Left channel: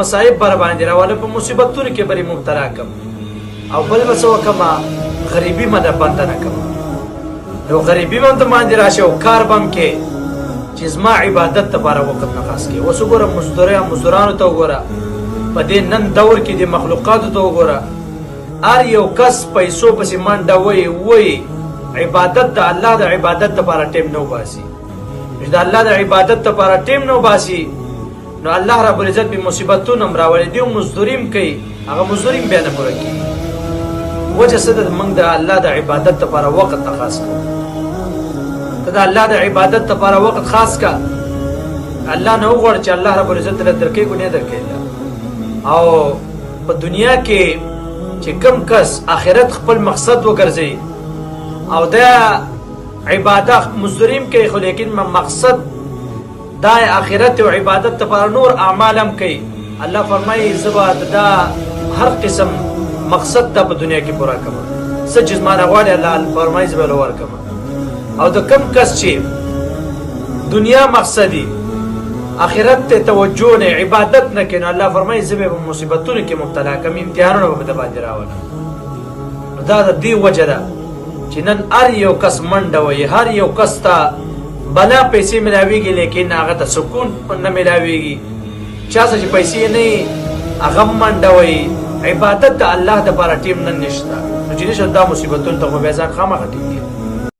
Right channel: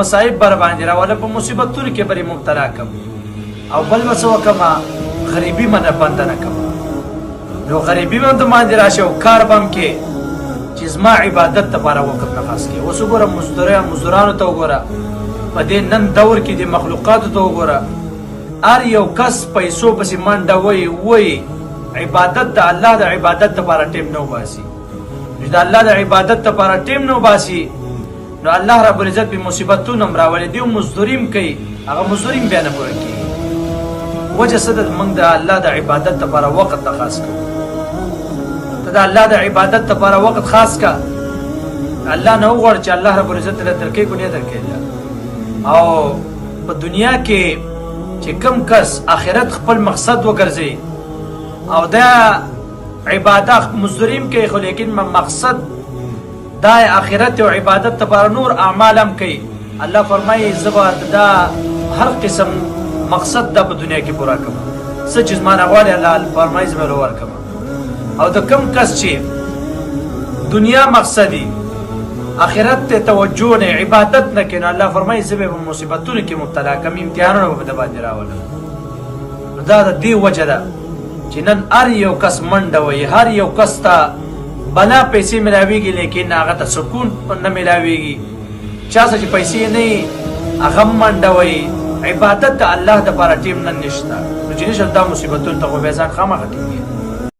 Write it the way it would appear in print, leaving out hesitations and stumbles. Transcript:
مصائب بر باندې راوله په مصیبتونو کې بری مبتلا کم او بل به څه وکړم غریبي مې نه بنده نه کړم نو غریبي به هم باندې راشي او کار به هم کې چې زما عبادت لپاره وخت نه خاص کې اوس وګوره مزدورانو ته وګوره په دې نن دور کې د مخلوقاتو ته وګوره هر یو کس پیسو پسې منډه وایي عبادت د الله د عبادت لپاره ټیم نه وباسي چې د الله د عبادت لپاره ټیم نه وباسي نو الله رب العزت به مصیبتونه هم راولي دي مزدوریم کوي هغه مزدوریم بیا نه پوره کېږي وجه څه ده موږ د الله د عبادت لپاره وخت نه خاص کوو ته د الله د عبادت لپاره وخت خاص کا الله نه وغواړه چې الله رب العزت له درکې کو نه درکې او په دنیا کې چې کم کس آخرت خپل مقصد وګرځي او دا عبادت مزدوریم کوي خو لیکن مقصد دا آخرت او عبادت لپاره نور اعمال هم کوي الله فرمایي زبا دا هر قسم مقصد دا په دنیا کې پورا کوم څه چې ما نه غواړي الله فرمایي زبا لور کوم او د کم کس چې دنیا مقصدی آخرت ته توجه نه عبادت نه کینو الله فرمایي زبا په مصیبتونو کې مبتلا کوم امتحانونه به د باندې راولم دا د دې وجه ده چې نن هر یو کس منډه وي هر یو کس ته بلا پیسې ملاویږي لیکن هغه ته سکون نه ملاویږي چا څه چې پیسې نه هغه منډه وي عبادت د الله د لپاره ټیم نن نشته نو چې نشه دا مصیبتونه ته خو بیا ځان خامخا ټینګي